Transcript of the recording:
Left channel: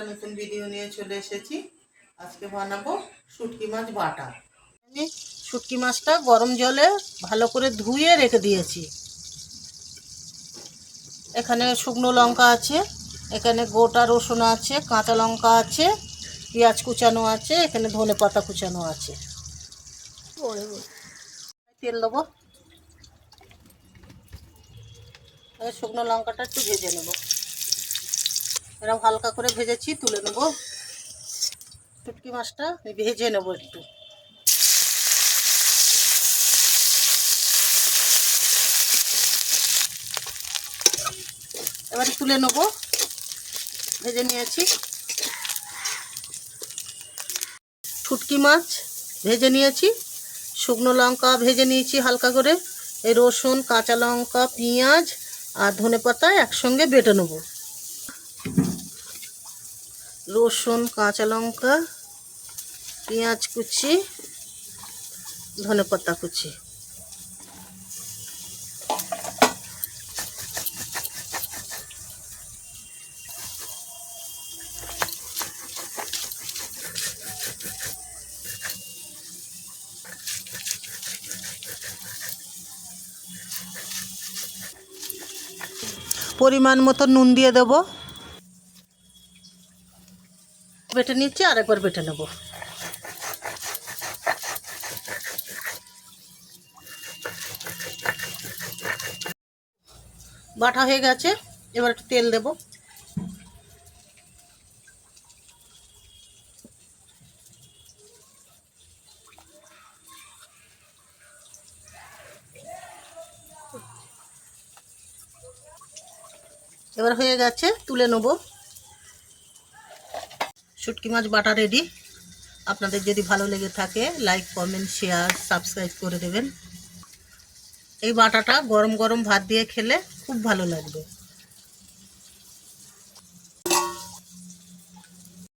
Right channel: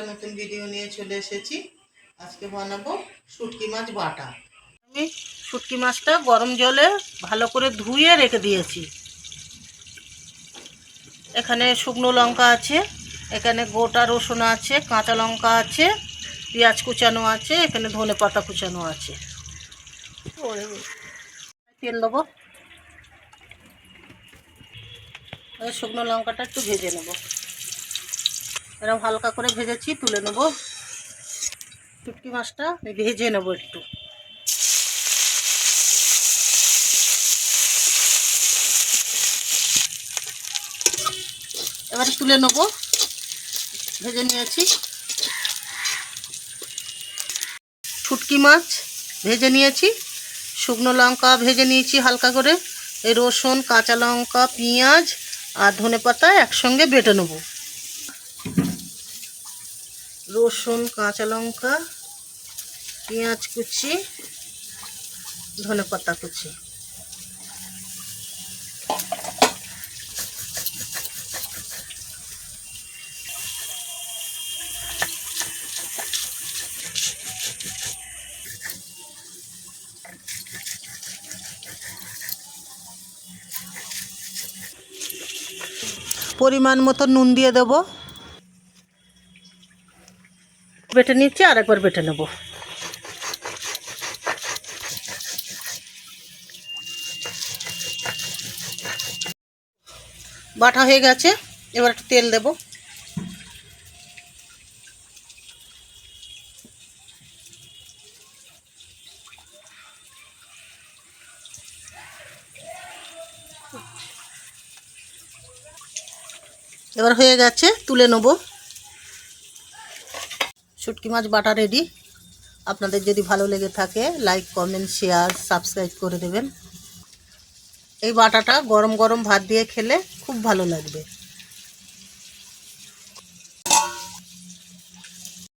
একটা নতুন ভিডিও নিয়ে চলে এসেছি। আজকে বানাবো শুটকি মাছ বাটা। আমি শুটকি মাছটা গরম জলে ভালো করে ধুয়ে রেখে দিয়েছি। এখানে শুকনো লঙ্কা আছে, এখানে গোটা রসুন আছে, কাঁচা লঙ্কা আছে, পেঁয়াজ কুচানো আছে, এখানে ধনে পাতা কুচানো আছে। তেল দেবো, শুকনো লঙ্কাটা একটু ভেজে নেব। এরকম হালকা করে ভেজেছি, তুলে নেব। শুটকি মাছটা ভেজে নেব একটু। এবারে তুলে নেব, ভেজে নিয়েছি। শুটকি মাছ ভেজে নিয়েছি, শুকনো লঙ্কা ভেজে নিয়েছি হালকা করে, এই রসুন, কাঁচা লঙ্কা, পেঁয়াজ আর ধনেপাতা একসঙ্গে বেটে নেব। রসুন, কাঁচা লঙ্কা, পেঁয়াজ কুচি, ধনেপাতা কুচি। পরিমাণ মতো নুন দিয়ে দেব। বেটে নিচ্ছি, আরেকবার বেটে নেব। বাটা হয়ে গেছে, এবার একটু তেল দেব। এবার হয়ে গেছে, তুলে নেব। শুটকি মাছ বাটা রেডি। আপনাদের যদি ভালো লেগে থাকে লাইক, কমেন্ট, শেয়ার, সাবস্ক্রাইব করে দেবেন। এই বাটাটা গরম গরম ভাত দিয়ে খেলে খুব ভালো লাগবে।